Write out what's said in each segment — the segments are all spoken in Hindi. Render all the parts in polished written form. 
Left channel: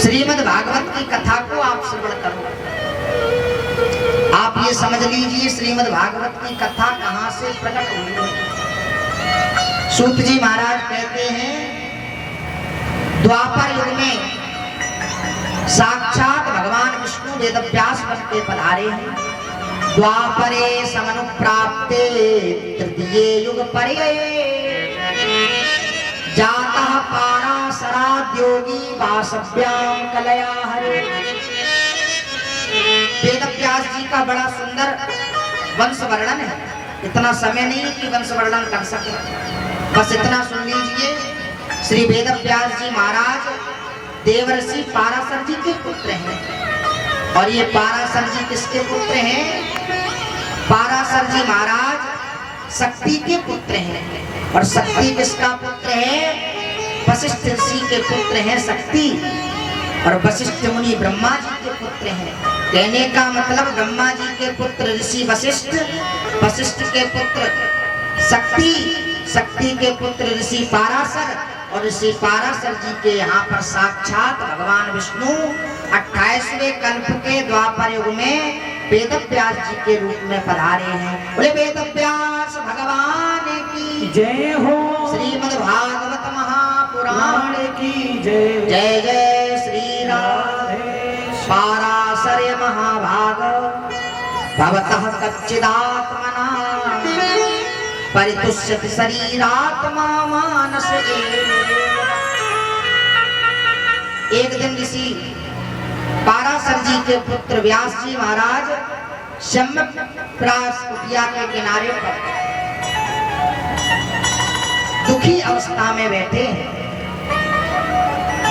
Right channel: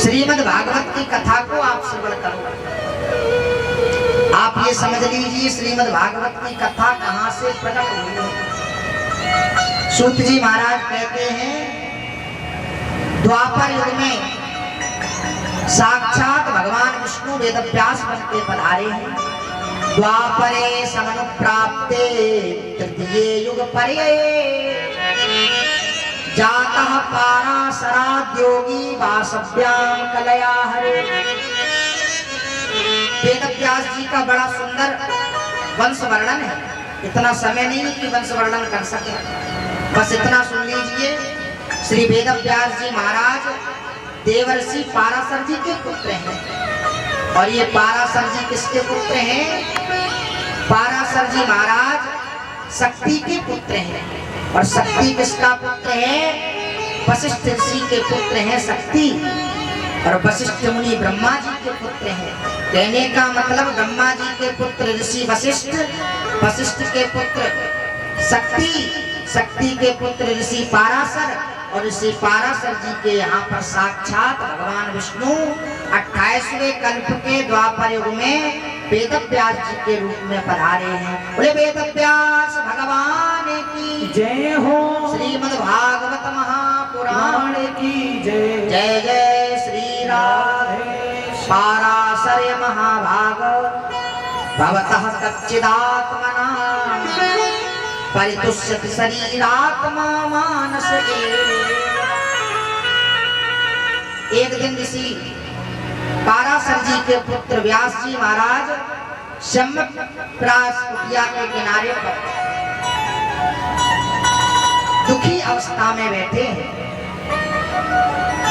श्रीमद् भागवत की कथा को आप श्रवण करो। आप ये समझ लीजिए श्रीमद् भागवत की कथा कहां से प्रकट हुई है। सूत जी महाराज कहते हैं द्वापर युग में साक्षात भगवान विष्णु वेदव्यास बन के पधारे हैं। द्वापरे समनुप्राप्ते तृतीये युग परे जातः पाराशराद्योगी वासव्यां कलया हरे। वेदव्यास जी का बड़ा सुंदर वंश वर्णन है। इतना समय नहीं कि वंश वर्णन कर सके, बस इतना सुन लीजिए। श्री वेदव्यास जी महाराज देवर्षि पाराशर जी के पुत्र हैं। और ये पाराशर जी किसके पुत्र हैं? पाराशर जी महाराज शक्ति के पुत्र हैं। और शक्ति किसका पुत्र है? वशिष्ठ ऋषि के पुत्र हैं शक्ति। और वशिष्ठ मुनि ब्रह्मा जी के पुत्र हैं। कहने का मतलब ब्रह्मा जी के पुत्र ऋषि वशिष्ठ, वशिष्ठ के पुत्र शक्ति, शक्ति के पुत्र ऋषि पाराशर। और ऋषि पाराशर जी के यहाँ पर साक्षात भगवान विष्णु 28वें कल्प के द्वापर युग में वेदव्यास जी के रूप में पधारे हैं। बोले वेदव्यास भगवान की जय हो। श्रीमद् भागवत महापुराण की जय। जय जय श्री राधे। पाराशर्य महाभाग भवतः कच्चिदात्मना परितुष्यति शरीरात्मा मानस एक दिन ऋषि पाराशर जी के पुत्र व्यास जी महाराज सम्यक कुटिया के किनारे पर दुखी अवस्था में बैठे हैं।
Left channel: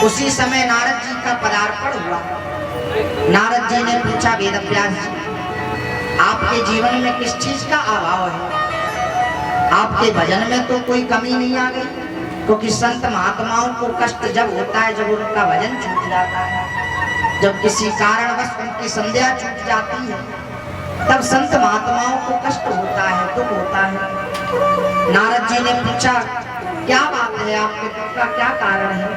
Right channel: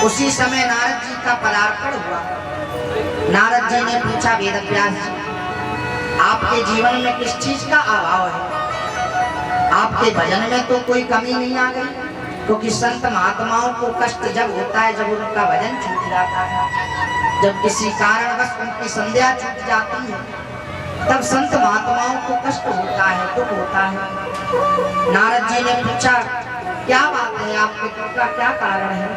उसी समय नारद जी का पदार्पण हुआ। नारद जी ने पूछा वेदव्यास जी आपके जीवन में किस चीज का अभाव है? आपके भजन में तो कोई कमी नहीं आ गई? क्योंकि संत महात्माओं को कष्ट जब होता है जब उनका भजन छूट जाता है, जब किसी कारणवश उनकी संध्या छूट जाती है, तब संत महात्माओं को कष्ट होता है, दुख होता है। नारद जी ने पूछा क्या बात है, आपके दुख का क्या कारण है?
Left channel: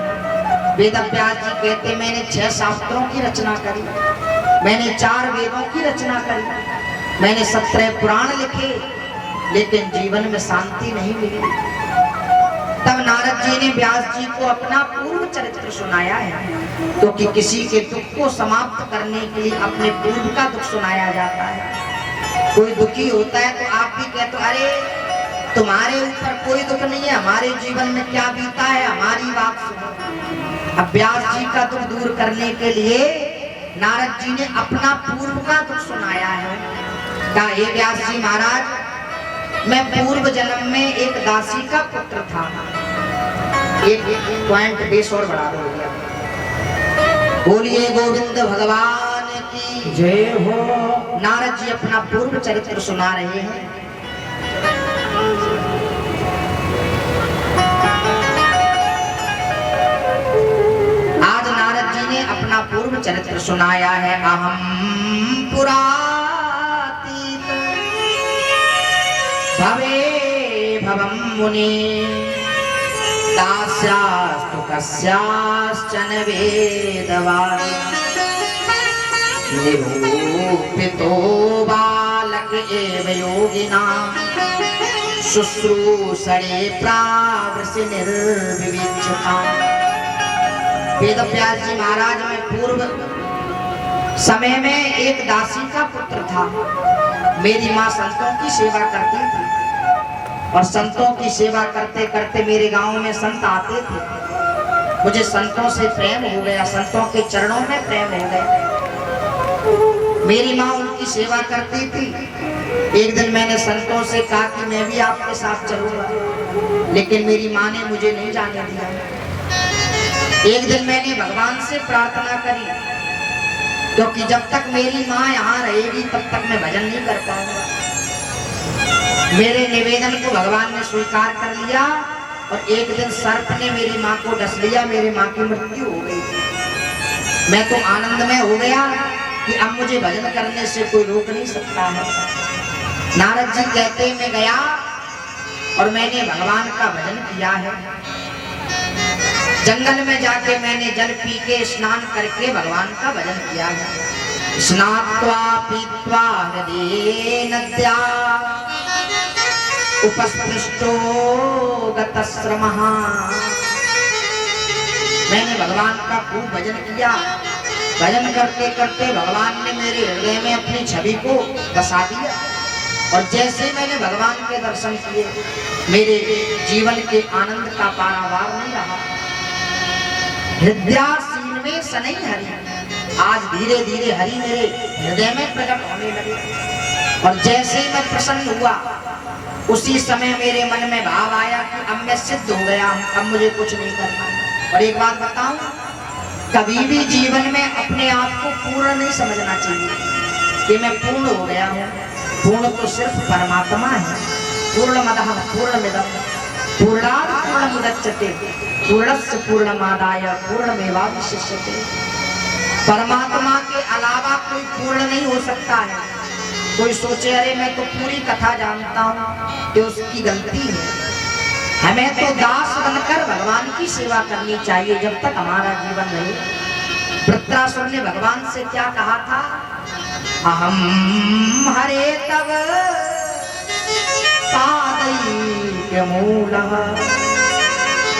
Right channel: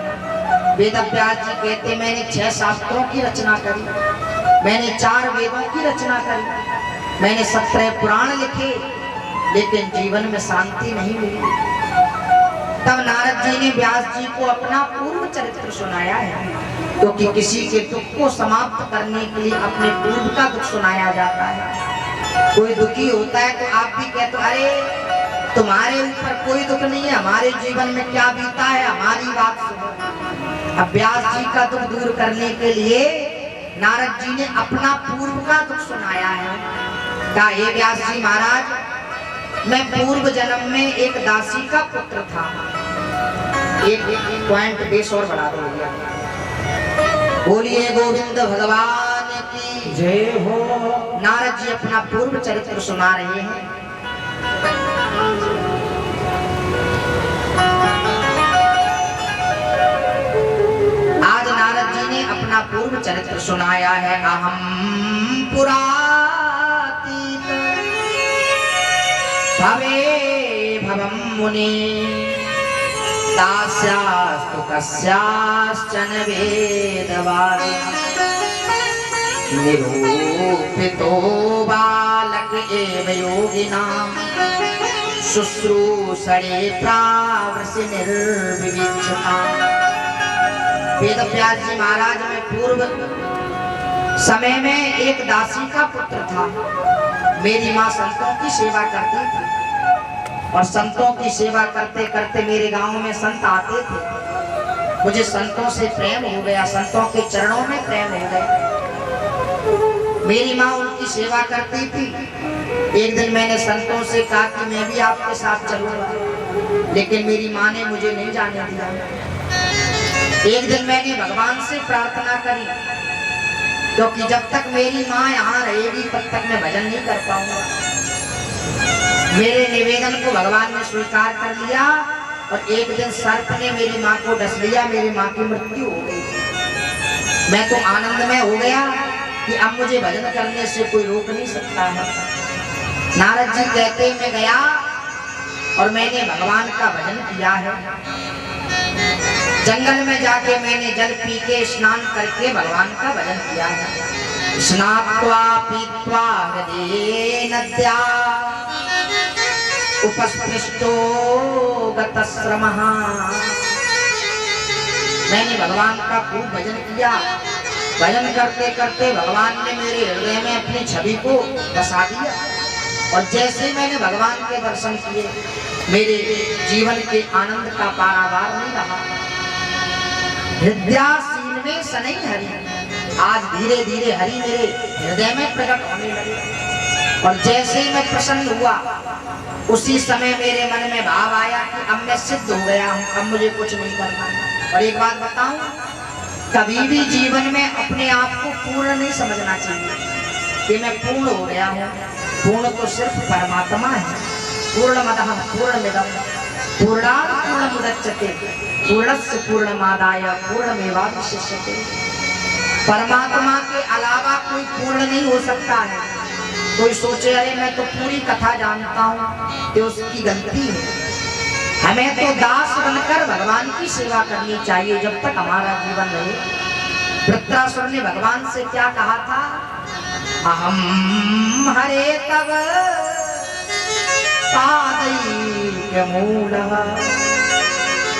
वेदव्यास जी कहते मैंने 6 शास्त्रों की रचना करी, मैंने 4 वेदों की रचना करी, मैंने 17 पुराण लिखे, लेकिन जीवन में शांति नहीं मिली। तब नारद जी ने व्यास जी को अपना पूर्व चरित्र सुनाया है, क्योंकि किसी के दुख को समाप्त करने के लिए अपने पूर्व का दुख सुनाया जाता है। कोई दुखी होता है तो आप भी कहते हो अरे तुम्हारे ऊपर कोई दुख नहीं है, हमारे जीवन में क्या बीता है, हमारी बात सुनो। अब व्यास जी का दुख दूर करने के लिए नारद जी ने अपना पूर्व का दुख सुनाया है। कहा हे व्यास जी महाराज मैं पूर्व जन्म में एक दासी का पुत्र था। एक पॉइंट बेस और बढ़ा दो। बोलिए गोविंद भगवान की जय हो। नारद जी अपना पूर्व चरित्र सुना रहे हैं। आज नारद जी ने अपना पूर्व चरित्र सुनाया है। अहम पुरा भवे भवं मुनि दास्यास्तु कस्याश्चन वेदवाणी निरूपितो बालक एव योगिनां शुश्रूषणे प्रावृषि निर्विविक्षतां। वेदव्यास जी महाराज में पूर्व समय में एक दासी का पुत्र था। मेरी माँ संतों की सेवा करती थी और संतों की सेवा करते करते मेरे गांव में संत आते थे। मुझे संतों से प्रेम हो गया, संतों के चरणों में प्रेम हो गया। मेरी माँ उनकी सेवा करती थी। एक दिन मैंने संतों से कहा कि मैं भी आपके साथ चलूंगा, लेकिन मेरी माँ ने मुझे नहीं जाने दिया। एक दिन मैंने भगवान से प्रार्थना करी, क्योंकि जब तक मेरी माँ यहाँ रहेगी तब तक मैं भजन नहीं कर पाऊंगा। मेरे निवेदन को भगवान ने स्वीकार कर लिया और एक दिन सर्प ने मेरी माँ को डस लिया, मेरी माँ की मृत्यु हो गई। मैं तो आनंद में हो गया कि अब मुझे भजन करने से कोई रोक नहीं सकता है। नारद जी कहते मैं गया और मैंने भगवान का भजन किया है। जंगल में जाके मैंने जल पी के स्नान करके भगवान का भजन किया है। स्नात्वा पीत्वा हृदये नद्या उपस्पृष्टो गतश्रमः। मैंने भगवान का खूब भजन किया। भजन करते करते भगवान ने मेरे हृदय में अपनी छवि को बसा दिया और जैसे ही मैंने भगवान के दर्शन किए मेरे जीवन के आनंद का पारावार नहीं रहा। हृदयासीन में सनई हरि, आज धीरे धीरे हरि मेरे हृदय में प्रकट होने लगे और जैसे ही मैं प्रसन्न हुआ उसी समय मेरे मन में भाव आया कि अब मैं सिद्ध हो गया हूं, अब मुझे कुछ नहीं करना। और एक बात बताऊं, कभी भी जीवन में अपने आप को पूर्ण नहीं समझना चाहिए कि मैं पूर्ण हो गया हूं। पूर्ण तो सिर्फ परमात्मा है। पूर्णमदः पूर्णमिदं पूर्णात् पूर्णमुदच्यते पूर्णस्य पूर्णमादाय पूर्णमेवावशिष्यते। परमात्मा के अलावा कोई पूर्ण नहीं हो सकता है। कोई सोचे अरे मैं तो पूरी कथा जानता हूँ, तो उसकी गलती है। हमें तो दास बनकर भगवान की सेवा करनी चाहिए जब तक हमारा जीवन रहे। वृत्रासुर ने भगवान से क्या कहा था? अहम हरे तव पादैक्यमूलः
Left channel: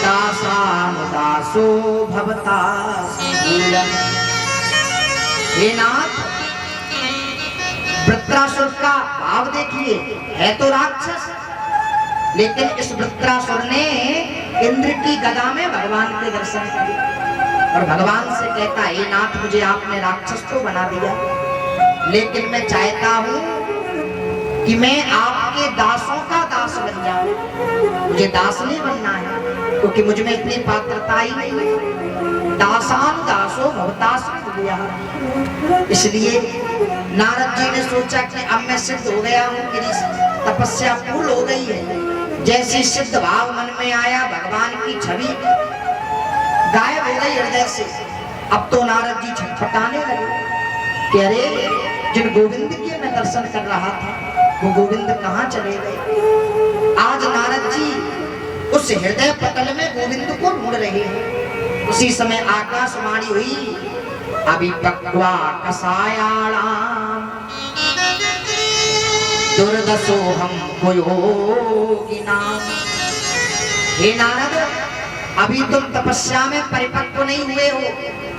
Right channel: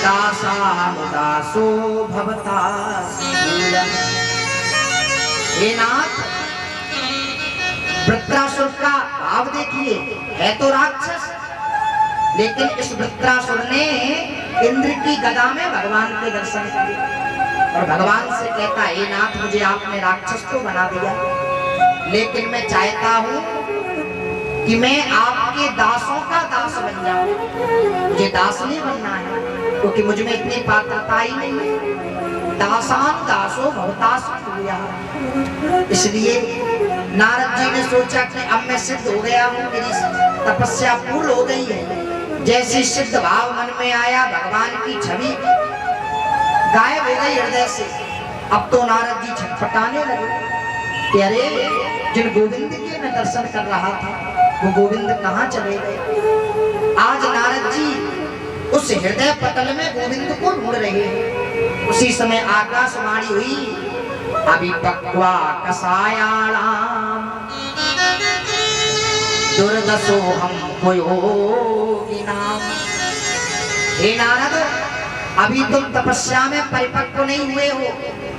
दासानुदासो भवतास्मूलः। हे नाथ, वृत्रासुर का भाव देखिए, है तो राक्षस, लेकिन इस वृत्रासुर ने इंद्र की गदा में भगवान के दर्शन किए और भगवान से कहता है, हे नाथ, मुझे आपने राक्षस तो बना दिया, लेकिन मैं चाहता हूं कि मैं आपके दासों का दास बन जाऊं। मुझे दास नहीं बनना है क्योंकि मुझ में इतनी पात्रता ही नहीं है। दासान दासो भवतास्मूलः। इसलिए नारद जी ने सोचा कि अब मैं सिद्ध हो गया हूँ, मेरी तपस्या पूर्ण हो गई है। जैसे सिद्ध भाव मन में आया, भगवान की छवि गायब हो गई हृदय से। अब तो नारद जी छटपटाने लगे कि अरे, जिन गोविंद के मैं दर्शन कर रहा था वो गोविंद कहाँ चले गए? आज नारद जी उस हृदय पटल में गोविंद को ढूंढ रहे हैं। उसी समय आकाशवाणी हुई, अभिपक्वा कसायाणाम दुर्दशोहम योगिनाम। हे नारद, अभी तुम तपस्या में परिपक्व नहीं हुए हो,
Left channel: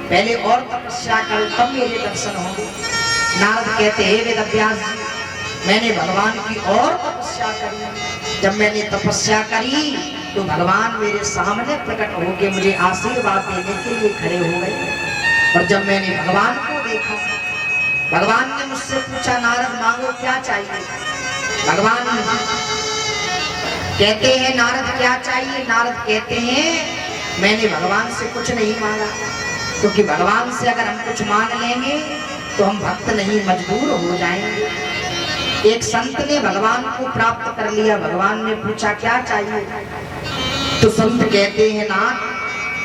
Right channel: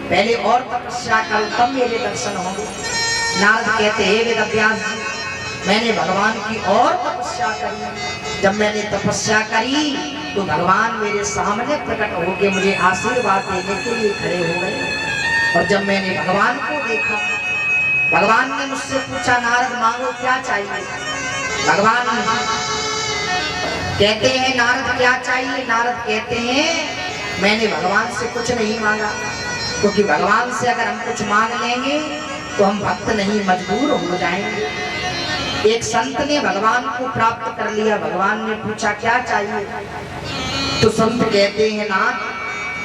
पहले और तपस्या करो तब मेरे दर्शन होंगे। नारद कहते हैं, वेदव्यास जी, मैंने भगवान की और तपस्या करी। जब मैंने तपस्या करी तो भगवान मेरे सामने प्रकट होकर मुझे आशीर्वाद देने के लिए खड़े हो गए। और जब मैंने भगवान को देखा, भगवान ने मुझसे पूछा, नारद मांगो क्या चाहिए? भगवान कहते हैं, नारद क्या चाहिए? नारद कहते हैं, मैंने भगवान से कुछ नहीं मांगा, क्योंकि भगवान से अगर हम कुछ मांग लेंगे तो हम भक्त नहीं, मजबूर हो जाएंगे। एक संत ने भगवान को प्राप्त कर लिया। भगवान ने पूछा क्या चाहिए? तो संत कहते हैं, नाथ,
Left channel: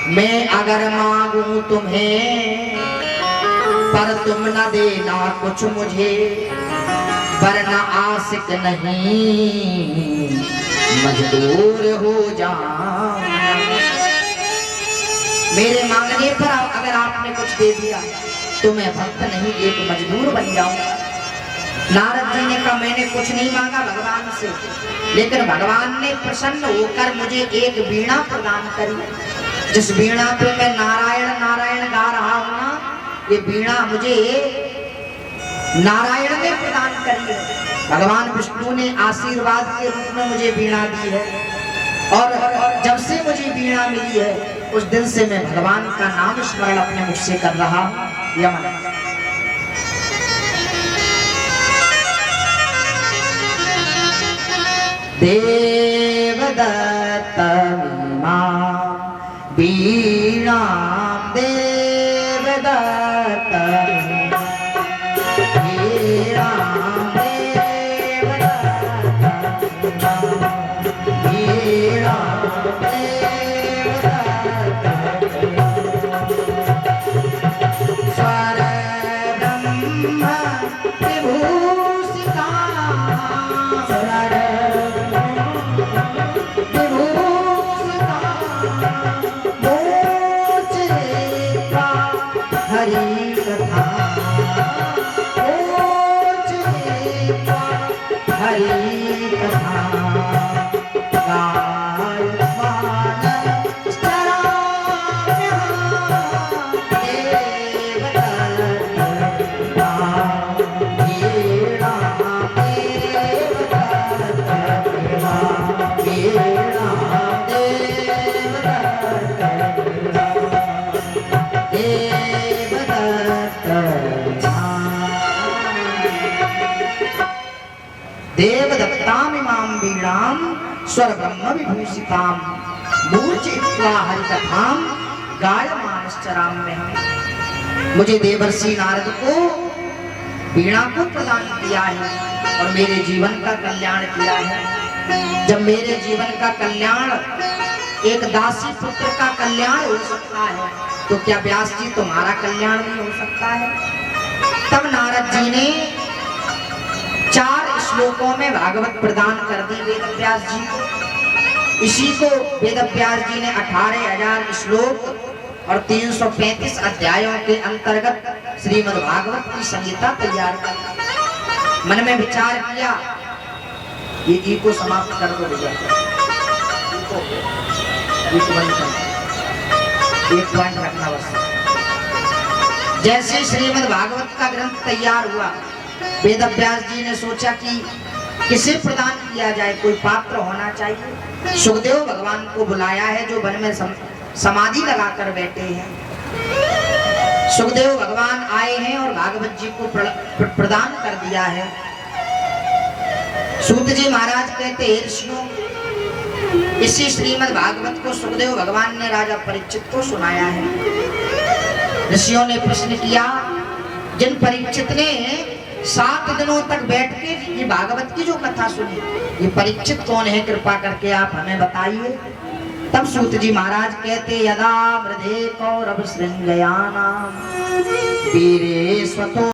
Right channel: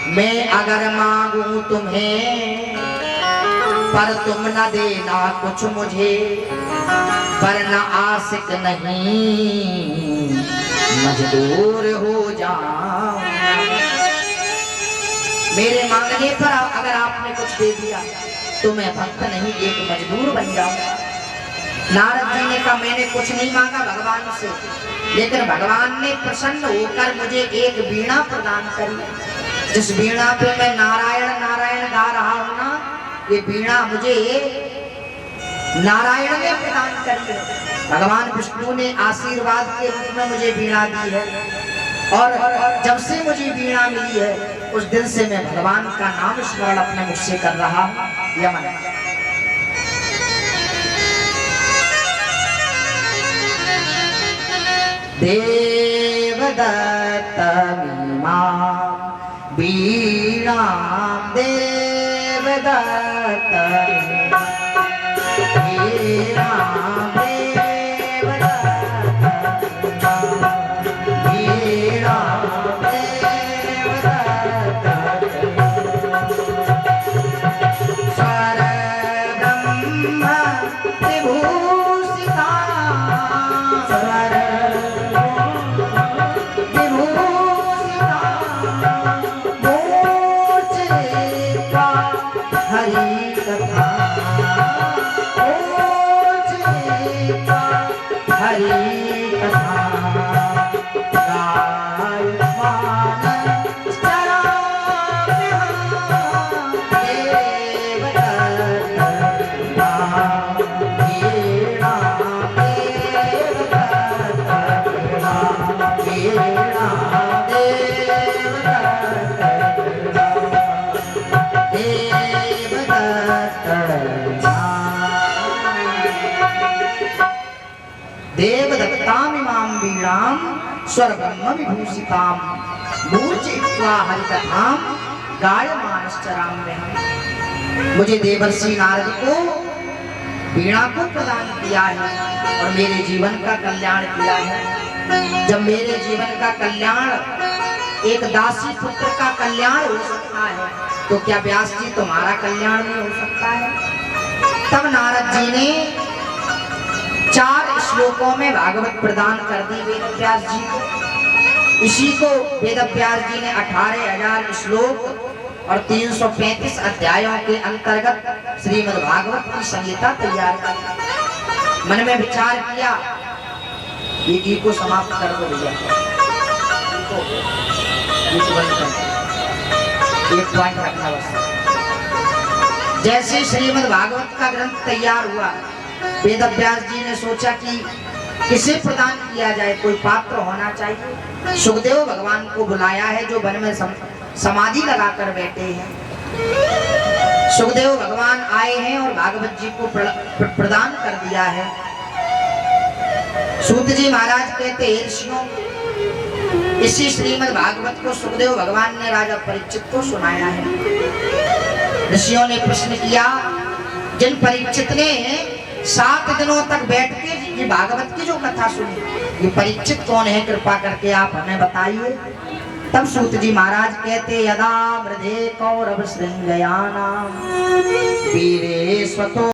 मैं अगर मांगू तुम्हें पर तुम न देना कुछ मुझे, वरना आशिक नहीं मजबूर हो जाऊं। मेरे मांगने पर अगर आपने कुछ दे दिया तो मैं भक्त नहीं, एक मजबूर बन जाऊंगा। नारद जी ने कहा, मैंने कुछ नहीं मांगा भगवान से, लेकिन भगवान ने प्रसन्न होकर मुझे एक वीणा प्रदान करी। जिस वीणा पे मैं नारायण नारायण गा रहा हूं ना, ये वीणा मुझे नारायण ने प्रदान करी है। भगवान विष्णु ने आशीर्वाद के रूप में मुझे वीणा दी है और जब से मुझे वीणा मिली है उस दिन से मैं भगवान का नाम स्मरण अपने मुख से कर रहा हूं। यमन देवदत्त वीणा देवदत्त वीणा Oh वीणाम स्वर ब्रह्म विभूषिताम मूर्छित्वा हरिकथाम गायमानश्चराम में। मुझे देवर्षि नारद को वीणा को प्रदान किया है और मेरे जीवन का कल्याण किया है। जब मेरे जीवन का कल्याण एक दासी पुत्र का कल्याण हो सकता है तो क्या व्यास जी तुम्हारा कल्याण नहीं हो सकता है? तब नारद जी ने 4 श्लोकों में भागवत प्रदान कर दी वेद व्यास जी को। इसी को वेद व्यास जी ने 18,000 श्लोक और 335 अध्यायों के अंतर्गत श्रीमद् भागवत की संहिता तैयार की। मन में विचार किया ये गीत को समाप्त कर दो भैया, एक पॉइंट रखना बस। जैसे श्रीमद् भागवत का ग्रंथ तैयार हुआ, वेद व्यास जी ने सोचा कि किसे प्रदान किया जाए, कोई पात्र होना चाहिए। सुखदेव भगवान को बुलाया है जो वन में समाधि लगाकर बैठे हैं। सुखदेव भगवान आए हैं और भागवत जी को प्रदान कर दिया है। सूत जी महाराज कहते हैं ऋषियों, इसी श्रीमद् भागवत को सुखदेव भगवान ने राजा परीक्षित को सुनाया है। ऋषियों ने प्रश्न किया, जिन परीक्षित ने 7 दिनों तक बैठ के ये भागवत की जो कथा सुनी, ये परीक्षित कौन है, कृपा करके आप हमें बताइए। तब सूत जी महाराज कहते, यदा मृधे कौरव श्रृंगयाना वीरे स्वतो